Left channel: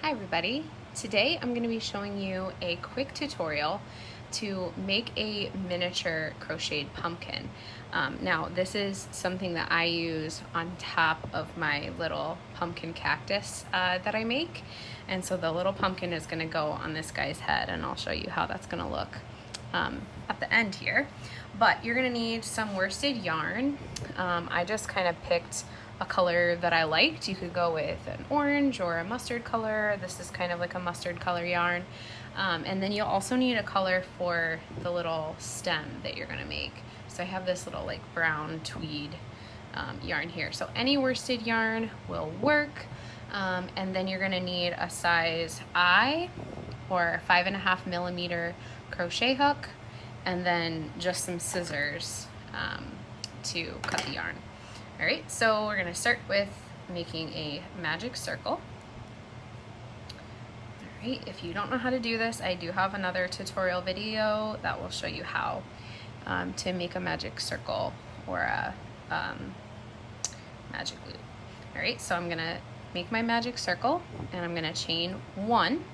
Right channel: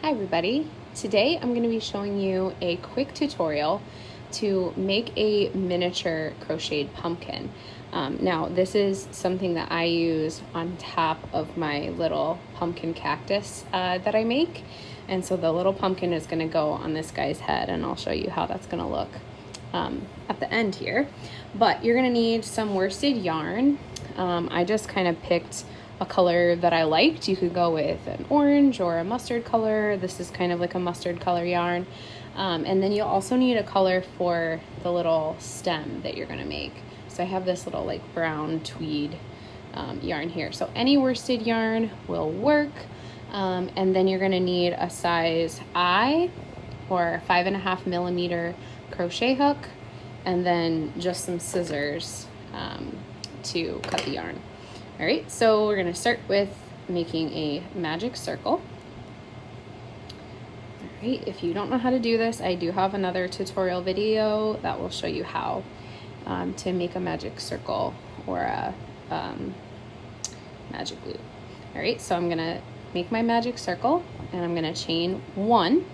Hi everybody. Today I'm going to be showing you a quick tutorial to make a miniature crocheted pumpkin. Now this is something that I use on top of my little pumpkin cactus that I make, and so the little pumpkin is going to go on this guy's head, and I'll show you how that's going to look at the end here. But you're going to need some worsted yarn. I just kind of picked a color that I liked. You could go with an orange or a mustard color. This is kind of like a mustard color yarn. And then you'll also need a color for the little stem that you're gonna make. So I have this little like brown tweed yarn here. So any worsted yarn will work. And then you're gonna need a size I or 5.5 millimeter crochet hook, and then just some scissors to cut the yarn. All right, so we're gonna start with making a magic circle. All right, if you don't know how to do this, I do have another tutorial video that will show you how to make a magic circle or a magic loop. All right, so I'm gonna make my magic circle, and I'm gonna chain 1,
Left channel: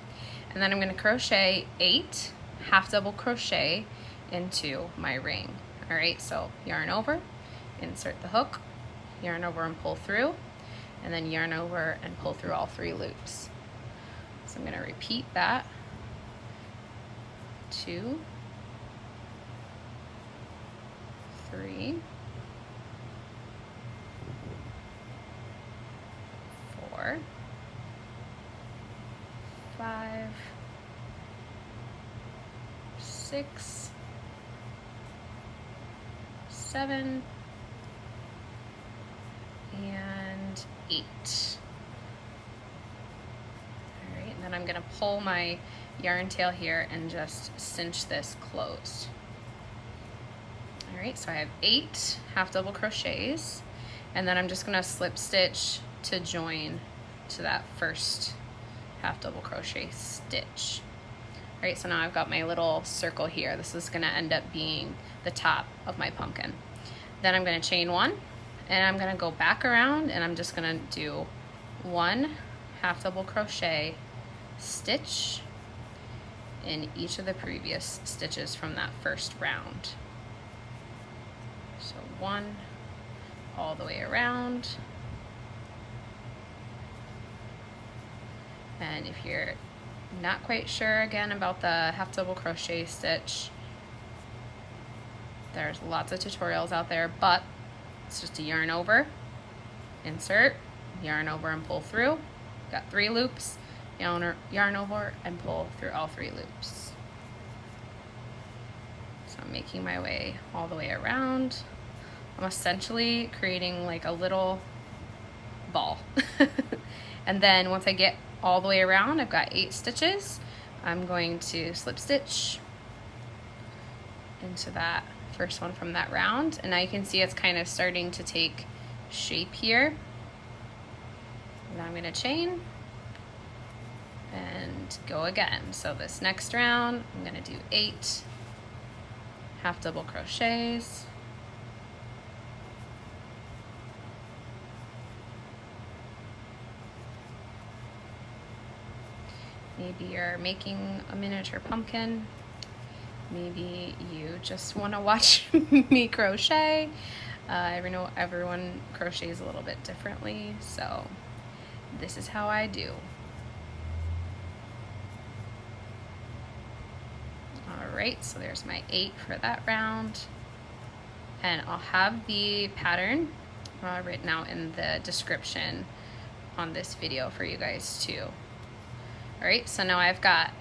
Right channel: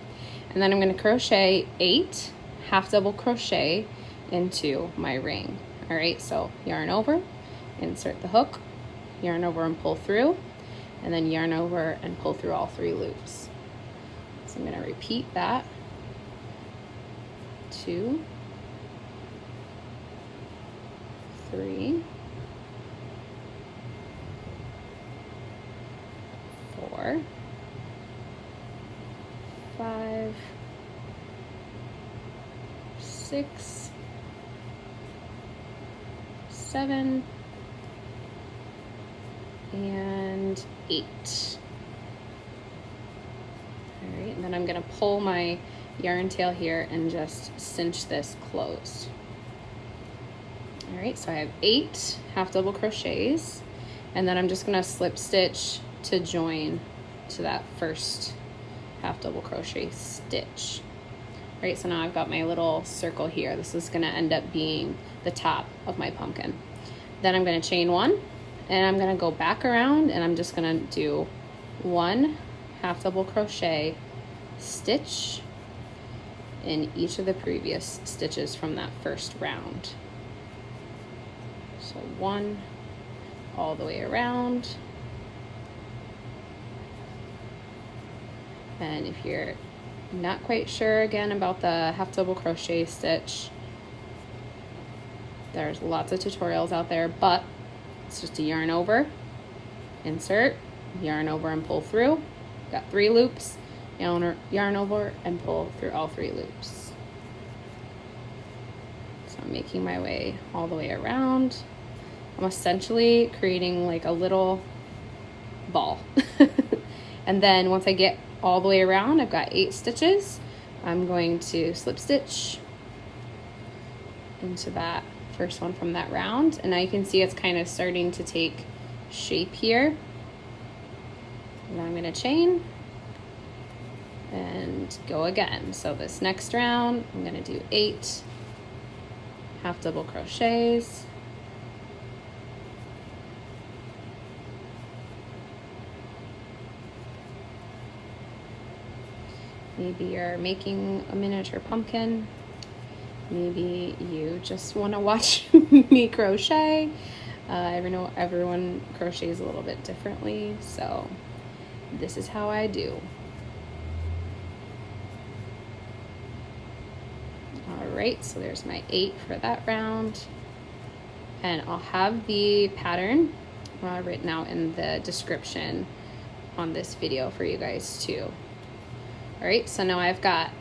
and then I'm gonna crochet 8 half double crochet into my ring. All right, so yarn over, insert the hook, yarn over and pull through, and then yarn over and pull through all 3 loops. So I'm going to repeat that. 2, 3, 4, 5, 6, 7, and 8. All right, and then I'm gonna pull my yarn tail here and just cinch this closed. All right, so I have 8 half double crochets, and then I'm just gonna slip stitch to join to that first half double crochet stitch. All right, so now I've got my little circle here. This is gonna end up being the top of my pumpkin. Then I'm gonna chain 1, and I'm gonna go back around, and I'm just gonna do 1 half double crochet stitch in each of the previous stitches from that first round. So 1 all the way around. And if you're not quite sure again about the half double crochet stitch, there's lots of tutorials out there, but it's just a yarn over, insert, yarn over and pull through. Got 3 loops, yarn over and pull through all 3 loops. So I'm making my way all the way around. I'm essentially creating like a little ball. And then once I get all the way around, I've got 8 stitches. I'm going to slip stitch into that first one from that round, and now you can see it's kind of starting to take shape here. And then I'm going to chain and go again. So this next round I'm going to do 8 half double crochets, maybe you're making a miniature pumpkin. Maybe you just want to watch me crochet. Everyone crochets a little bit differently, so this is how I do. All right, so there's my 8 for that round, and I'll have the pattern written out in the description on this video for you guys too. All right, so now I've got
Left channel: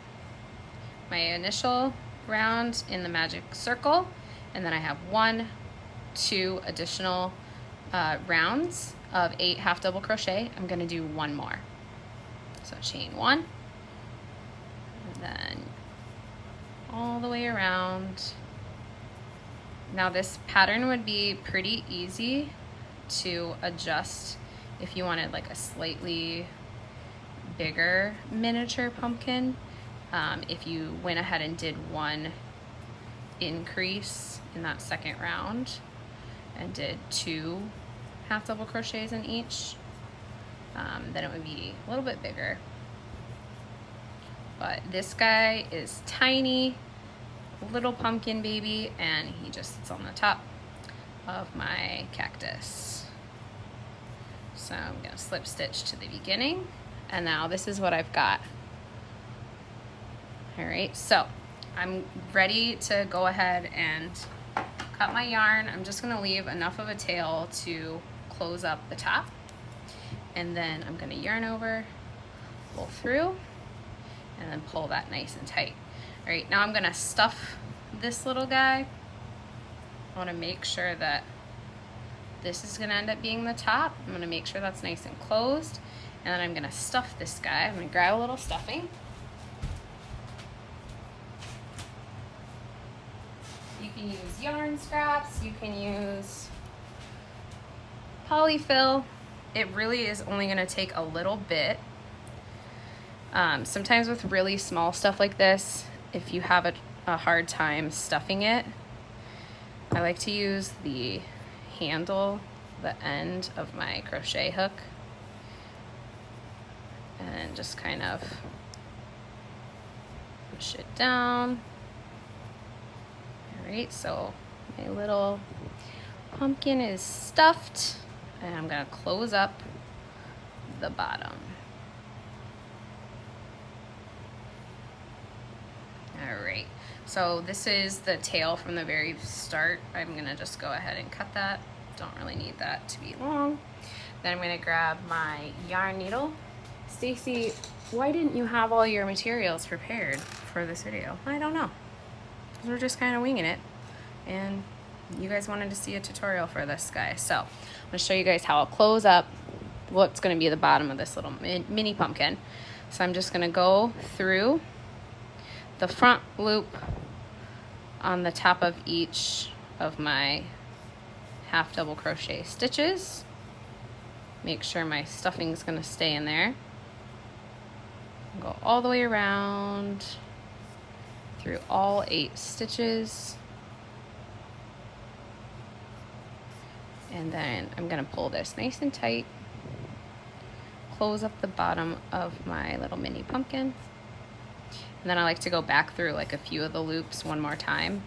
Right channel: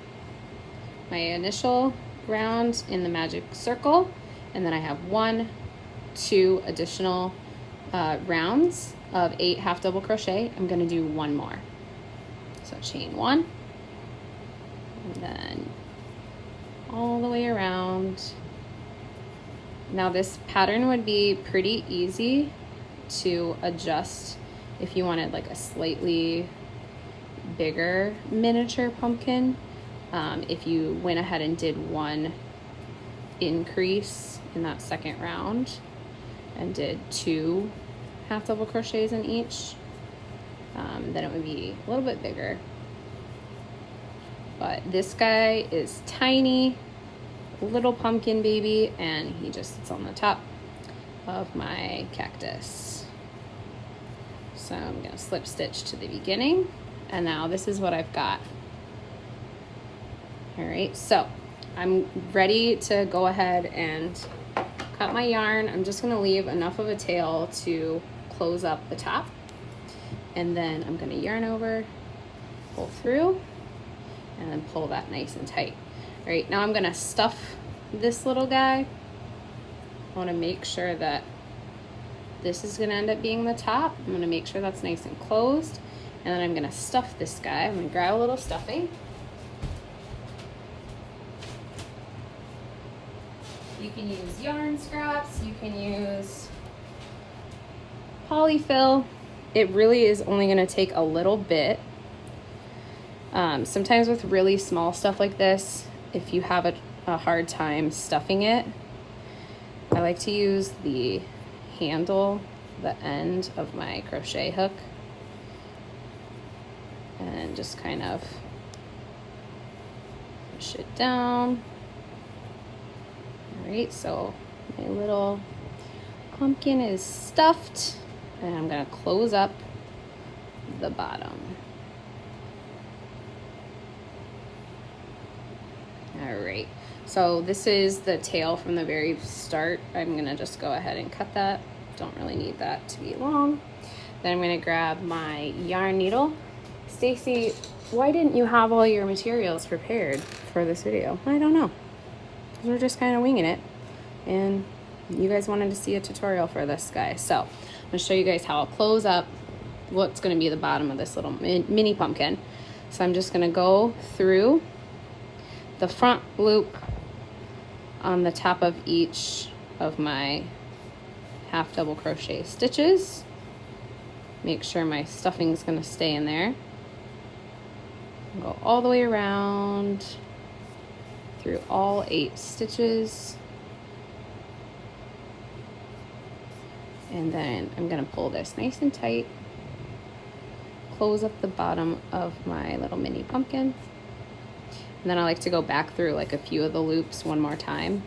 my initial round in the magic circle, and then I have 1, 2 additional rounds of 8 half double crochet. I'm going to do 1 more. So chain 1, and then all the way around. Now this pattern would be pretty easy to adjust if you wanted like a slightly bigger miniature pumpkin. If you went ahead and did 1 increase in that second round and did 2 half double crochets in each, then it would be a little bit bigger. But this guy is tiny, little pumpkin baby, and he just sits on the top of my cactus. So I'm gonna slip stitch to the beginning, and now this is what I've got. All right, so I'm ready to go ahead and cut my yarn. I'm just gonna leave enough of a tail to close up the top, and then I'm gonna yarn over, pull through, and then pull that nice and tight. All right, now I'm gonna stuff this little guy. I wanna make sure that this is gonna end up being the top. I'm gonna make sure that's nice and closed, and then I'm gonna stuff this guy. I'm gonna grab a little stuffing. You can use yarn scraps, you can use polyfill. It really is only gonna take a little bit. Sometimes with really small stuff like this, if you have a hard time stuffing it, I like to use the handle, the end of my crochet hook, and just kind of push it down. All right, so my little pumpkin is stuffed, and I'm gonna close up the bottom. All right, so this is the tail from the very start. I'm gonna just go ahead and cut that. Don't really need that to be long. Then I'm gonna grab my yarn needle. Stacy, why didn't you have all your materials prepared for this video? I don't know. We're just kind of winging it, and you guys wanted to see a tutorial for this guy. So I'm gonna show you guys how I'll close up what's gonna be the bottom of this little mini pumpkin. So I'm just gonna go through the front loop on the top of each of my half double crochet stitches. Make sure my stuffing's gonna stay in there. Go all the way around through all 8 stitches. And then I'm gonna pull this nice and tight, close up the bottom of my little mini pumpkin. And then I like to go back through like a few of the loops one more time.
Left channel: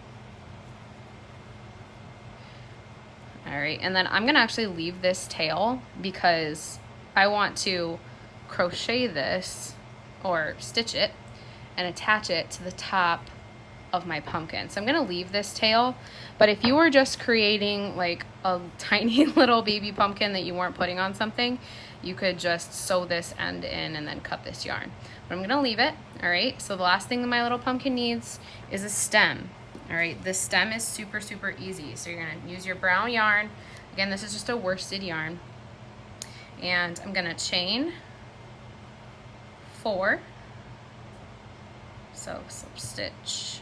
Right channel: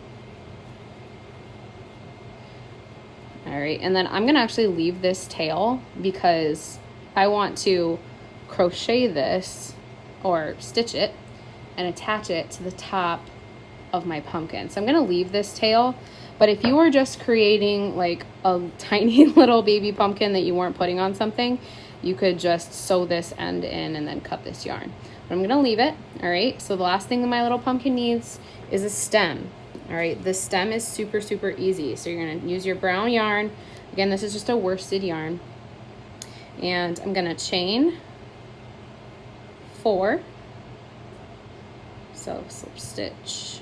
All right, and then I'm gonna actually leave this tail because I want to crochet this or stitch it and attach it to the top of my pumpkin. So I'm gonna leave this tail, but if you were just creating like a tiny little baby pumpkin that you weren't putting on something, you could just sew this end in and then cut this yarn. But I'm gonna leave it, all right? So the last thing that my little pumpkin needs is a stem, all right? The stem is super, super easy. So you're gonna use your brown yarn. Again, this is just a worsted yarn. And I'm gonna chain 4. So slip stitch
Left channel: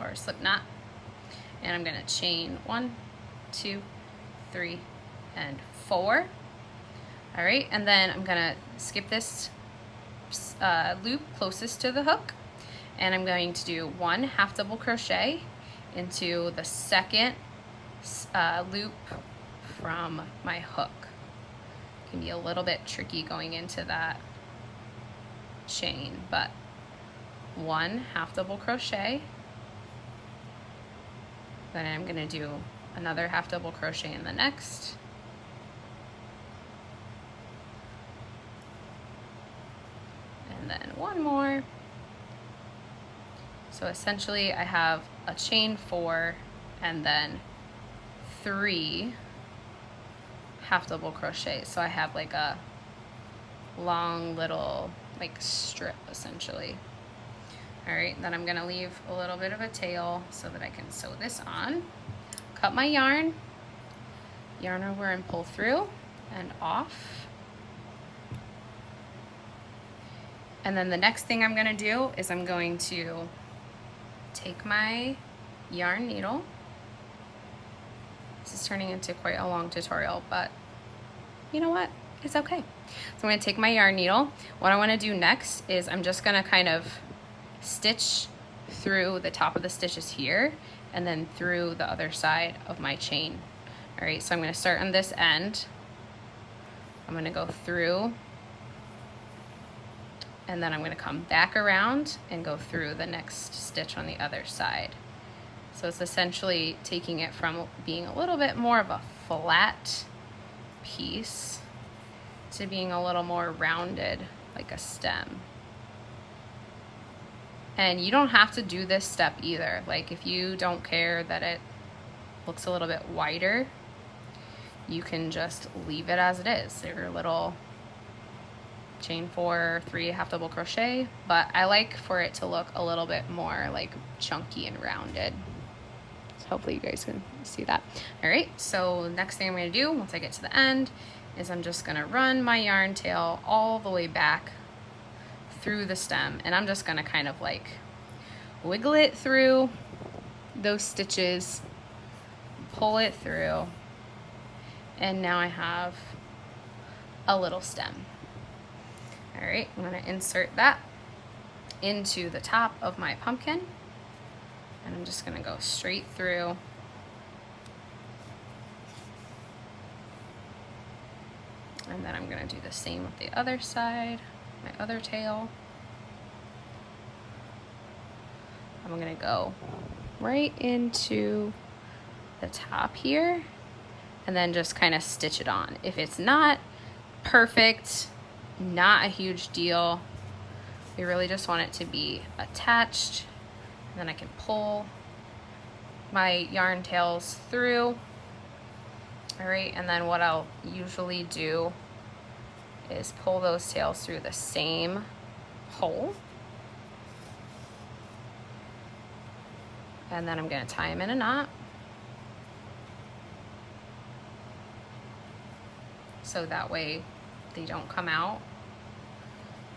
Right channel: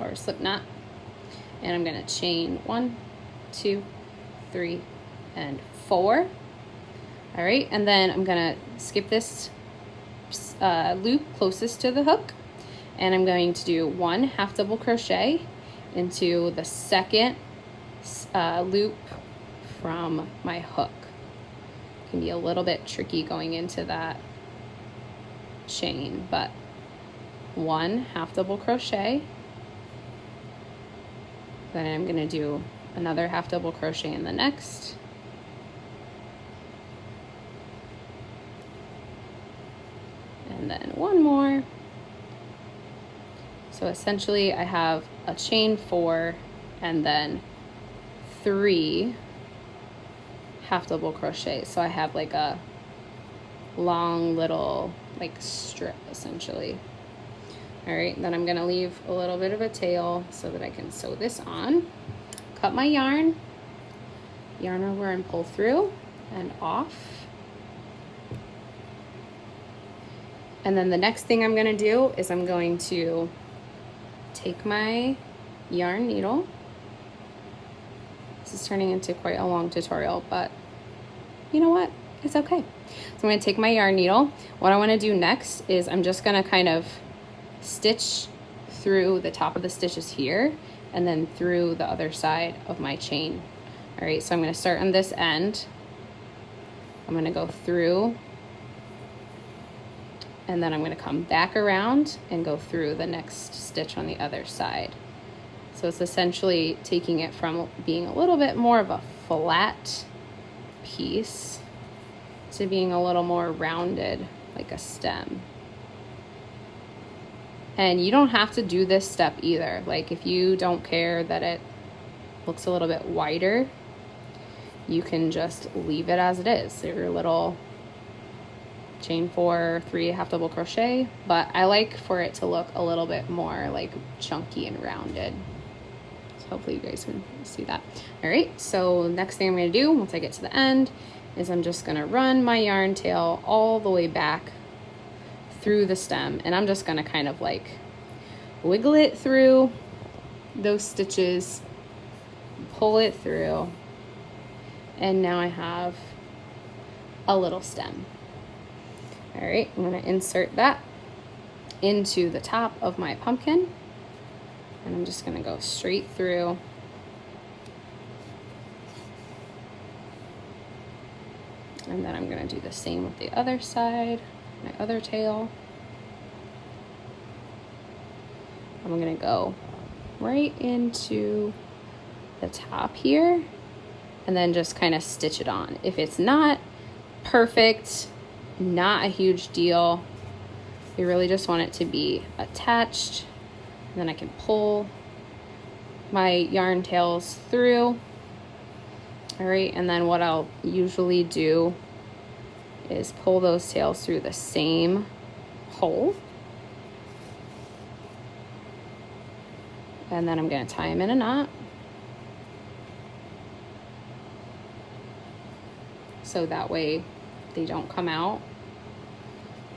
or slip knot. And I'm gonna chain 1, 2, 3, and 4. All right, and then I'm gonna skip this loop closest to the hook, and I'm going to do 1 half double crochet into the second loop from my hook. It can be a little bit tricky going into that chain, but 1 half double crochet, then I'm going to do another half double crochet in the next, and then 1 more. So essentially I have a chain 4 and then 3 half double crochet. So I have like a long little like strip essentially. All right, then I'm gonna leave a little bit of a tail so that I can sew this on. Cut my yarn over and pull through and off. And then the next thing I'm gonna do is I'm going to take my yarn needle. This is turning into quite a long tutorial, but you know what? It's okay. So I'm gonna take my yarn needle. What I wanna do next is I'm just gonna kind of stitch through the top of the stitches here and then through the other side of my chain. All right, so I'm gonna start on this end. I'm gonna go through and then I'm going to come back around and go through the next stitch on the other side. So it's essentially taking it from being a little bit more of a flat piece to being a little more rounded, like a stem. And you don't have to do this step either. Like if you don't care that it looks a little bit wider, you can just leave it as it is. Your little chain 4, 3 half double crochet, but I like for it to look a little bit more like chunky and rounded. So hopefully you guys can see that. All right, so next thing I'm gonna do once I get to the end is I'm just gonna run my yarn tail all the way back through the stem, and I'm just gonna kind of like wiggle it through those stitches, pull it through, and now I have a little stem. All right, I'm gonna insert that into the top of my pumpkin, and I'm just gonna go straight through. And then I'm gonna do the same with the other side, my other tail. I'm gonna go right into the top here and then just kind of stitch it on. If it's not perfect, not a huge deal. You really just want it to be attached, and then I can pull my yarn tails through. All right, and then what I'll usually do is pull those tails through the same hole. And then I'm gonna tie them in a knot. So that way they don't come out.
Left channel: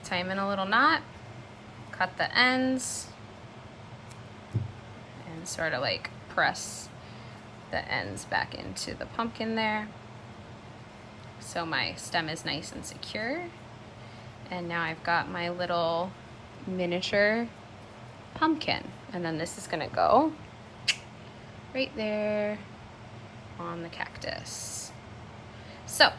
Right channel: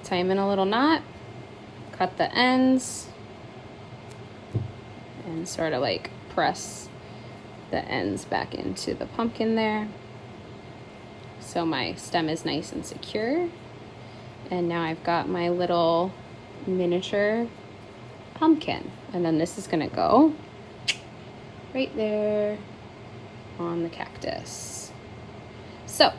Tie them in a little knot, cut the ends, and sort of like press the ends back into the pumpkin there. So my stem is nice and secure. And now I've got my little miniature pumpkin. And then this is gonna go right there on the cactus. So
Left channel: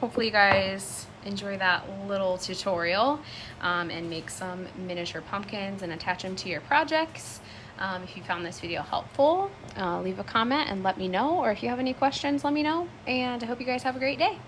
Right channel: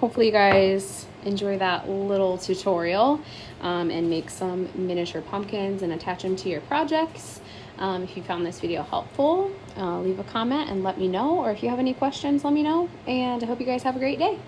hopefully you guys enjoy that little tutorial and make some miniature pumpkins and attach them to your projects. If you found this video helpful, leave a comment and let me know, or if you have any questions, let me know, and I hope you guys have a great day.